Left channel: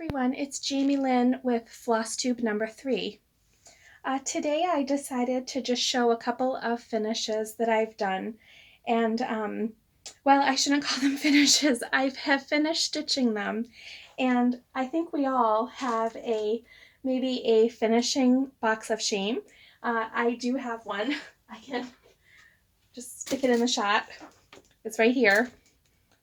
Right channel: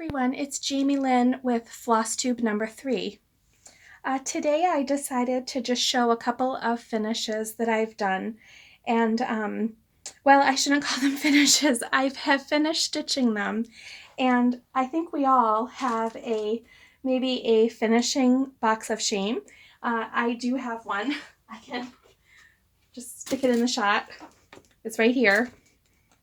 Everyone, it's Jaime Lyn with Flosstube number 3. Today I decided to just show a couple of finishes that I've done, and well, I shouldn't call them finishes. I have finished stitching them, and I think we all have maybe a finishing box of shame. I do have one. I can just stick it in the shot. It's right here.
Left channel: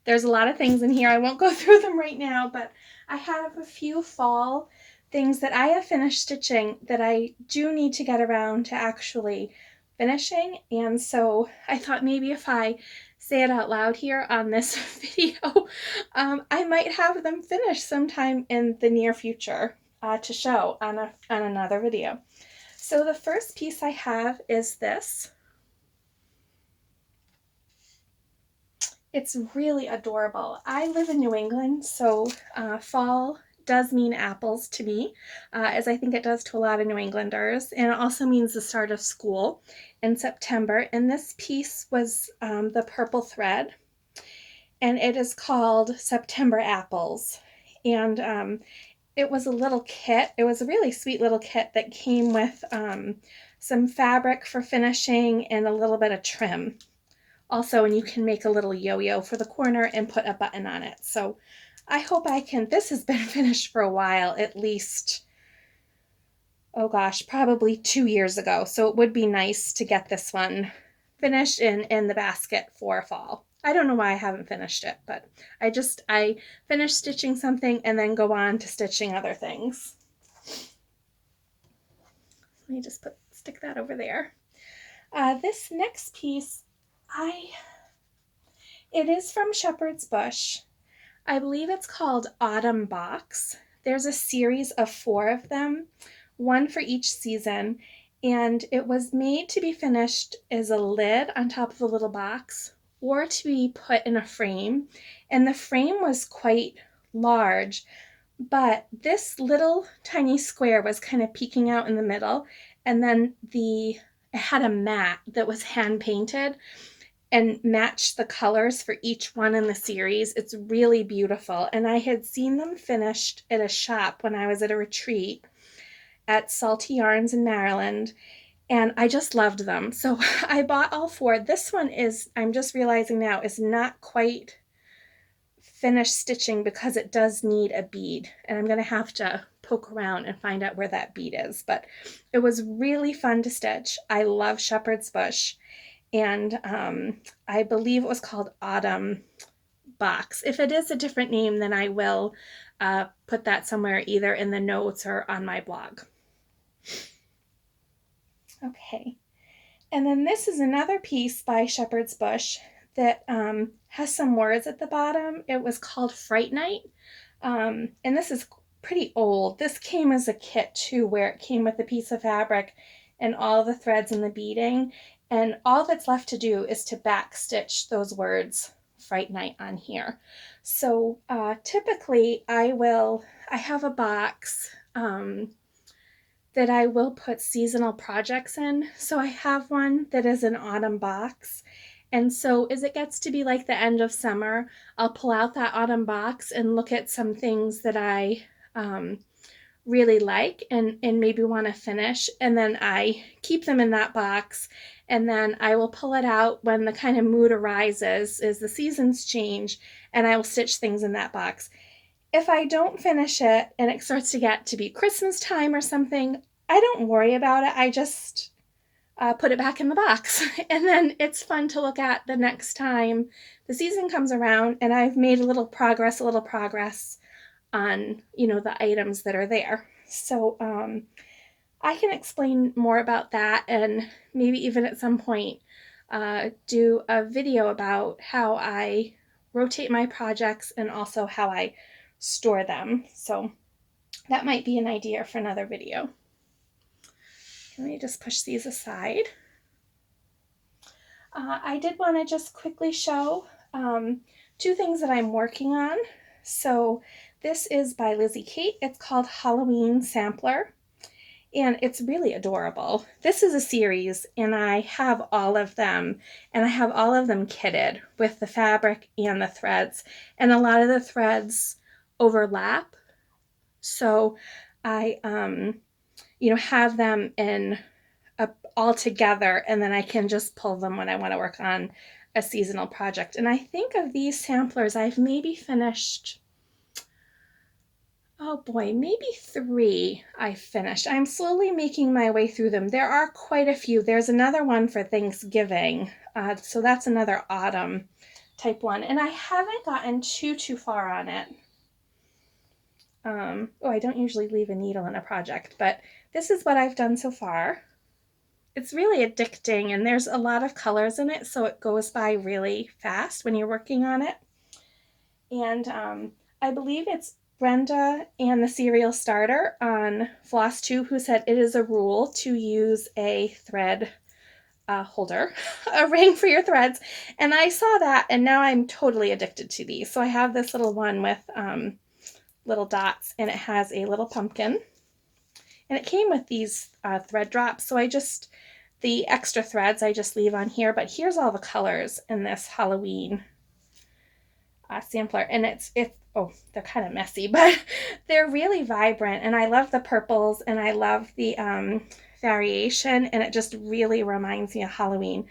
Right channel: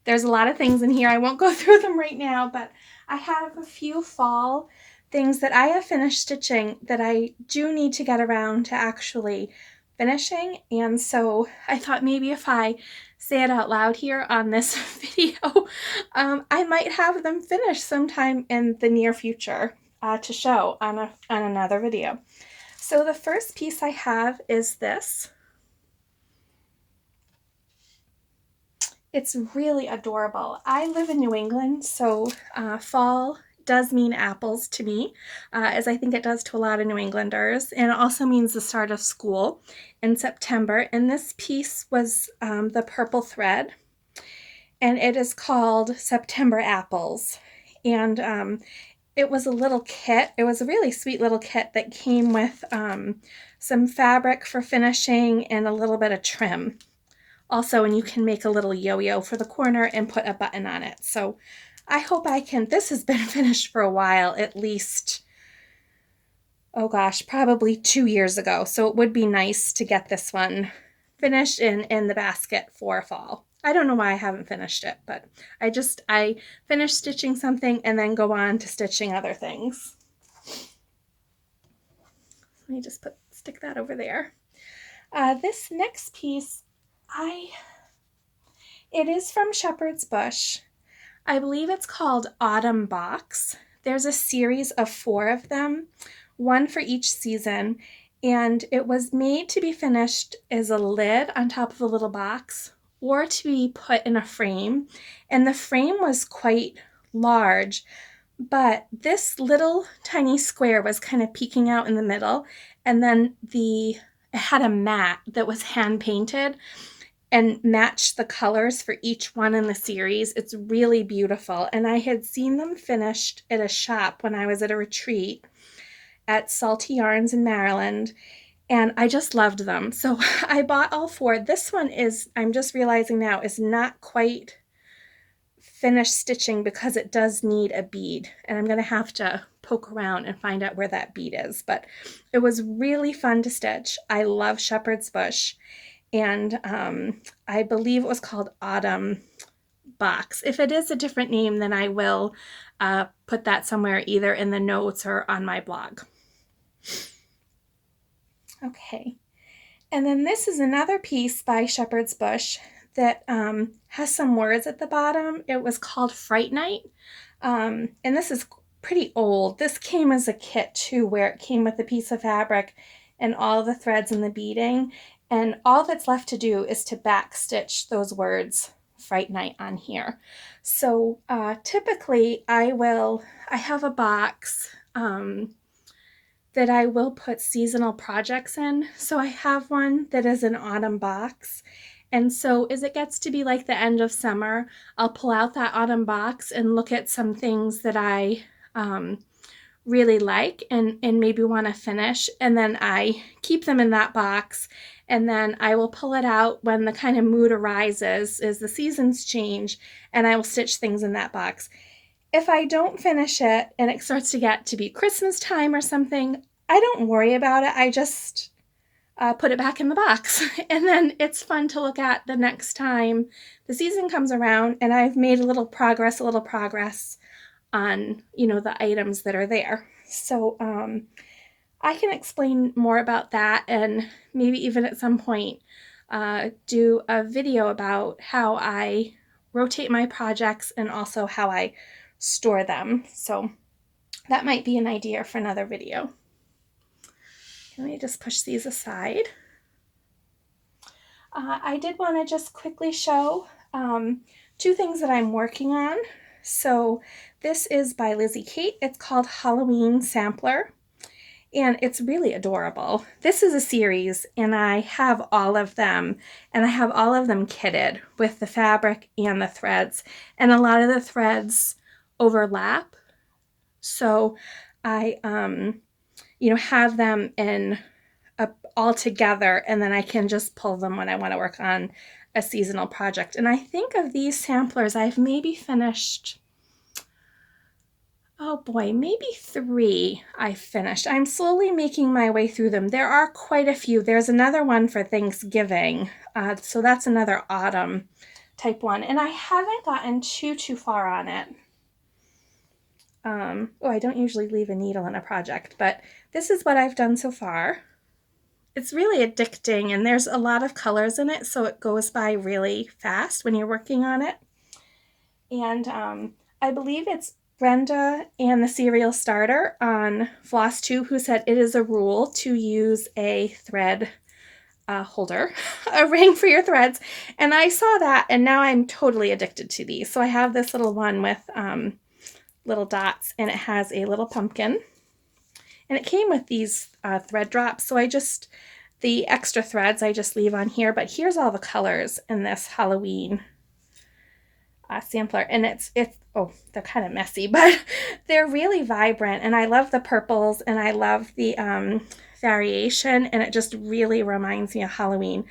There's a lot of things in here. I won't go through them right now, but I have a few fall things that I have finished stitching that I do need to get around to actually finishing. And so I thought maybe if I say it out loud here on this video, I might have them finished sometime in the near future to show on another video. So the first piece I have is this. It's really adorable. I live in New England, so fall does mean apples to me, as I think it does to a lot of New Englanders, and it also means the start of school in September. And this piece was the purple thread, and it is called September Apples. And it was a little kit. It was a really sweet little kit that came with some fabric for finishing and a little bit of trim. Also, and you can make a little yo-yo for the corner and put a button on it. So I hope I can, this has been finished for a while, at least, oh gosh, probably 2 years ago. So it would be nice to get this one finished in the basket for fall. I don't know why I haven't finished it, but I finish stitching something and then go on to stitching other things. Let me just stick that over there. This next piece, it is from Shepherd's Bush. I believe it's called Autumn Box. There's a series of 4 of them, one for each season, and it was made to be finished as a lid on top of a little box or to be put in a frame. And the frame was quite large, but this little tiny square was kind of peeking out in the middle, and then it had a mat that was hand painted and match the colors for each one in the series. It's really beautiful. And I had seen them finished at a shop when I was at a retreat at Salty Yarns in Maryland, and I just loved them. So I bought all 4. This one is, I'm just realizing now, is not quite finished stitching because it does need a bead, and I'm going to have to poke around and find out where that bead is. But it was really fun to stitch. I love Shepherd's Bush. And I believe it was called Autumn Box. If it is a different name, then I will put that somewhere either in the notes or on my blog. Okay, and then this is another piece by Shepherd's Bush that has some words at the bottom. It was called Fright Night, and this is pretty old. This came as a kit too, where it came with a piece of fabric and all the threads and the beading. And all that's left to do is to back stitch those words Fright Night on here. So typically I have a box that I will put seasonal projects in. So I have one that is an autumn box. And so as it gets to be like the end of summer, I'll pull out that autumn box and look at some things that I really like and maybe want to finish. And then I keep them in that box. And then I will pull it out when the kind of mood arises as the seasons change, and I will stitch things in that box. If I don't finish it and it starts to get to be Christmas time or something, I don't worry about it. I just put it back in the box. And then it's fun to look at the next time the season comes around and I've made a little progress on, the items that are there. So I can explain more about that, and maybe even at some point do a video about how I rotate my projects and also how I store them. So that might be an idea for another video. Let me just push these aside. I did want to just quickly show 2 things that I'm working on. So this is by Lizzie Kate. It's called Halloween Sampler. And it's really adorable. This is a series, and I have all of them, and I have all of them kitted with the fabric and the threads. And a lot of the threads overlap So I, have them in all together, and then I can just pull them when I want to work on a seasonal project. And I think of these samplers, I've maybe finished, oh boy, maybe 3 I finished. I'm slowly making my way through them. There are quite a few. There's another one for Thanksgiving. So that's another autumn type one. And I haven't gotten too far on it. I don't usually leave a needle in a project, but this is what I've done so far. It's really addicting, and there's a lot of colors in it, so it goes by really fast when you're working on it. And I believe it's Brenda and the Serial Starter on Flosstube who said it is a rule to use a thread holder, a ring for your threads. And I saw that, and now I'm totally addicted to these. So I have this little one with little dots, and it has a little pumpkin. And it came with these thread drops, so the extra threads I just leave on here. But here's all the colors in this Halloween sampler, and it's they're kind of messy, but they're really vibrant, and I love the purples, and I love the variation, and it just really reminds me of Halloween.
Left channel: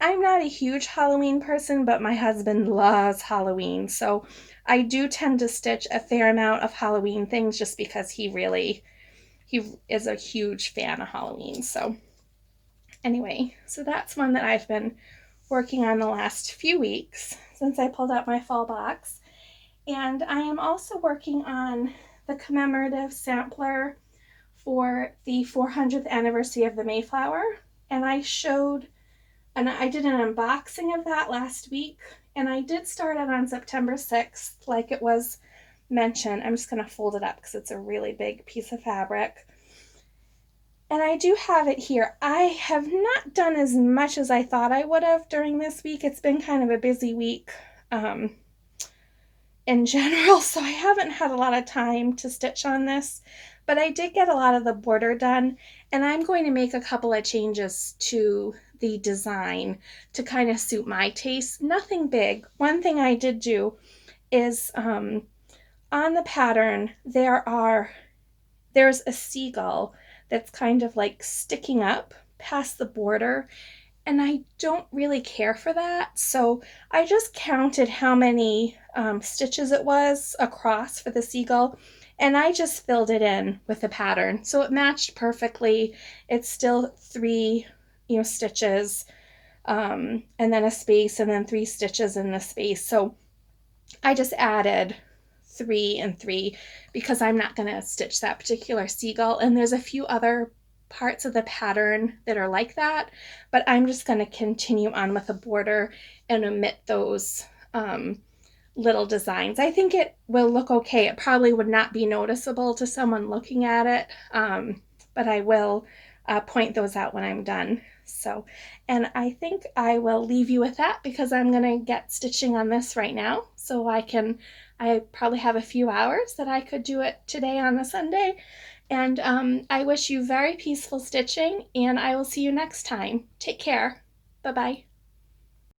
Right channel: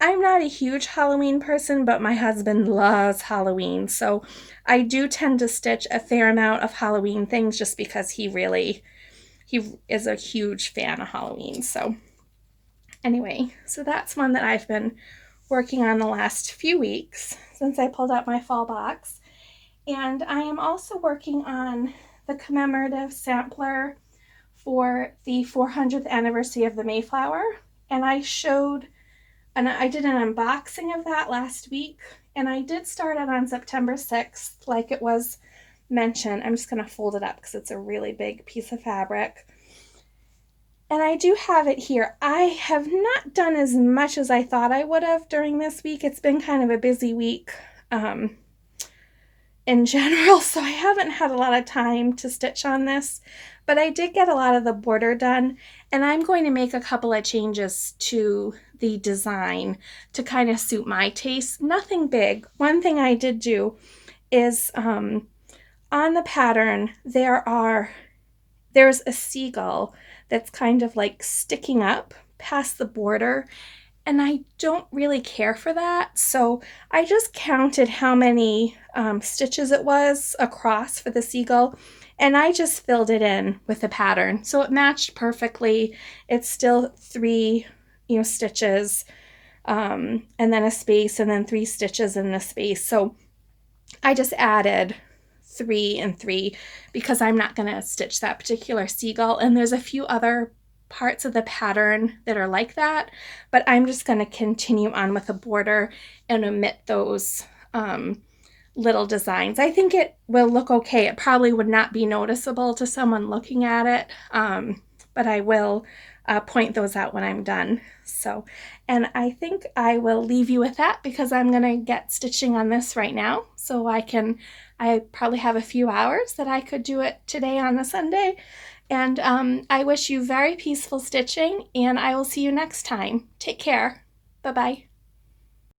I'm not a huge Halloween person, but my husband loves Halloween, so I do tend to stitch a fair amount of Halloween things just because he is a huge fan of Halloween. So anyway, so that's one that I've been working on the last few weeks since I pulled out my fall box. And I am also working on the commemorative sampler for the 400th anniversary of the Mayflower. And I did an unboxing of that last week, and I did start it on September 6th, like it was mentioned. I'm just going to fold it up because it's a really big piece of fabric. And I do have it here. I have not done as much as I thought I would have during this week. It's been kind of a busy week in general, so I haven't had a lot of time to stitch on this. But I did get a lot of the border done, and I'm going to make a couple of changes to the design to kind of suit my taste. Nothing big. One thing I did do is on the pattern there's a seagull that's kind of like sticking up past the border, and I don't really care for that. So I just counted how many stitches it was across for the seagull, and I just filled it in with the pattern. So it matched perfectly. It's still 3, stitches, and then a space, and then 3 stitches in the space. So I just added 3 and 3 because I'm not going to stitch that particular seagull, and there's a few other parts of the pattern that are like that, but I'm just going to continue on with a border and omit those little designs. I think it will look okay. It probably would not be noticeable to someone looking at it, but I will point those out when I'm done. So, and I think I will leave you with that because I'm going to get stitching on this right now, so I probably have a few hours that I could do it today on a Sunday. And I wish you very peaceful stitching, and I will see you next time. Take care. Bye-bye.